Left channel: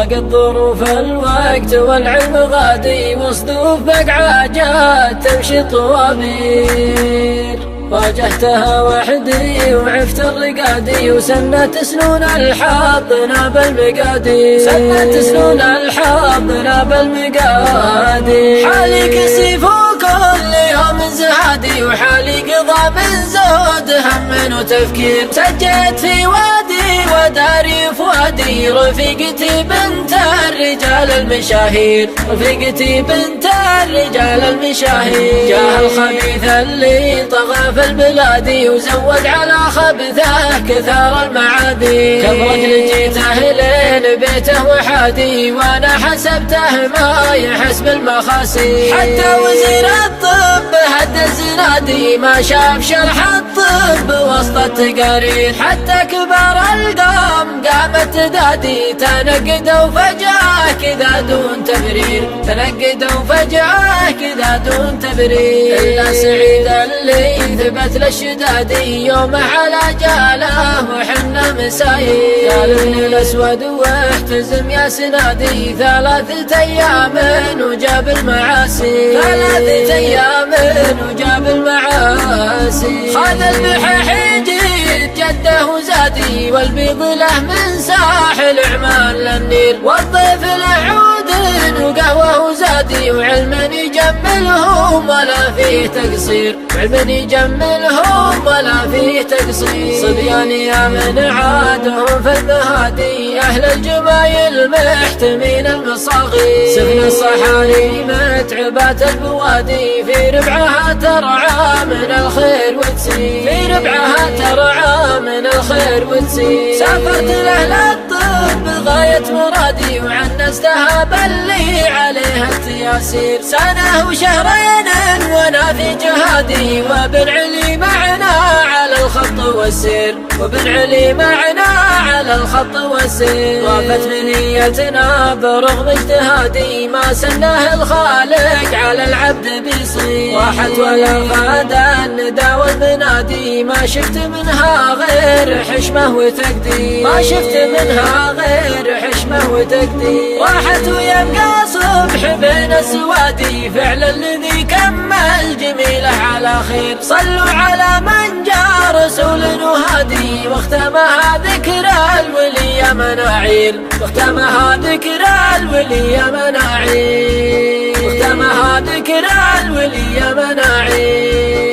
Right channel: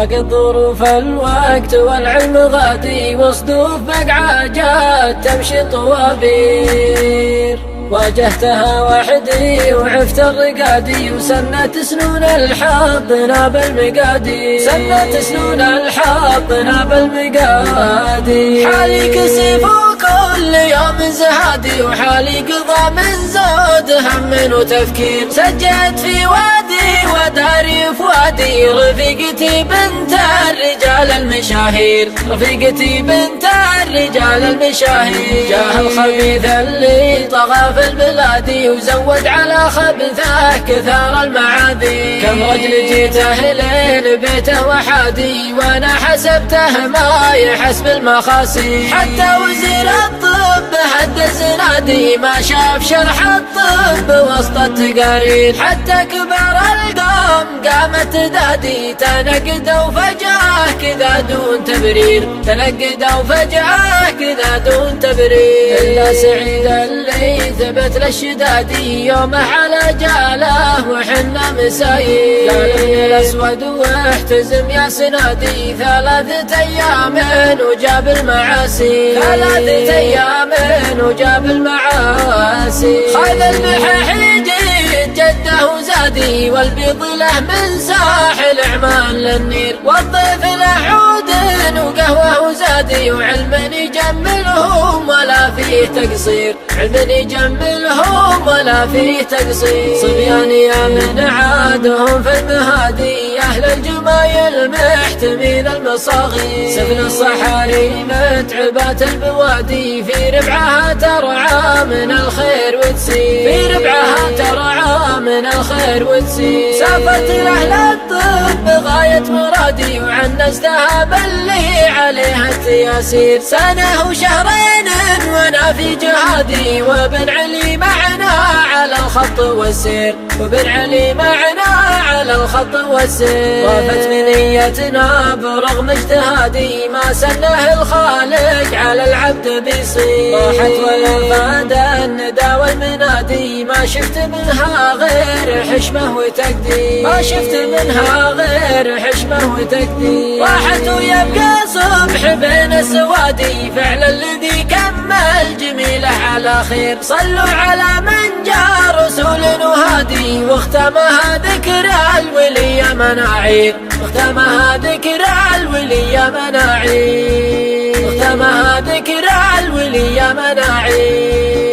ضاقت ظروف الوقت والعلم غادي، وصدوف بقعاجات تمشي طوابير. واجهتها وحدي وعفت الرقادي، وسنت سنون الحظ ناب المقادي، سنت سنون الحظ ناب المقادي. حالي كسيف وكل يوم زهادي، وحالي قضى من زود هم وتفكير. سجيت في وادي وداري فؤادي، رفيقتي بنت الرجال المشاهير، رفيقتي بنت الرجال المشاهير. جاه الخبيث اللي طغى في البلاد، وزود على خبثه كثار المعادي. كم رجل جيته لين بيته وحادي، وانا حسبته ما يحس بالمخاسي. حتى وزير الطب هد زنادي، ما شاف شرح الطب وسط التقارير. حتى كبار القوم قامت دادي، تنقدوا فجأة كذا دون تبرير، تنقدوا فجأة كذا دون تبرير. إلا سعيد اللي ثبت للشدادي، يومه على جاله وحنا مسايير. قال ابن الأسود واحتزم يا سنادي، 3 أيام وجاب المعاسي، 3 أيام وجاب المعاسي. خذ المحاحيج جده وزادي، والبيض له من ساحل عمان للنير. والضيف له عود وقهوه وزادي، وعلم يجملهم ولا فيه تقصير، علم يجملهم ولا فيه تقصير. صبيان يا من عادهم في المهادي، أهل الجمايل محتمين المصاغي. سفن الصحاري متعبات البوادي، في ربعها ترعى من الخير وتسير، في ربعها ترعى من الخير وتسير. سافرت لأهل الطب غاية مرادي، وعنستها باللي عليها التياسير. سنة وشهرين وانا في جهادي، وابن علي معنا على الخط والسير، وابن علي معنا على الخط والسير. وافت منيتنا برغم اجتهادي، ما سناه الخالق على العبد بيصير. راحت ويفاد الندى والمنادي، ما شفت منها غير حشمه وتقدير، ما شفت منها غير حشمه وتقدير. راحت ويبقى صبح بين السوادي، فعل الذي كمل جميله على خير. صلوا على من جاء رسول وهادي، واختمها ذكر الولي مناعير، واختمها ذكر الولي مناعير، واختمها ذكر الولي مناعير.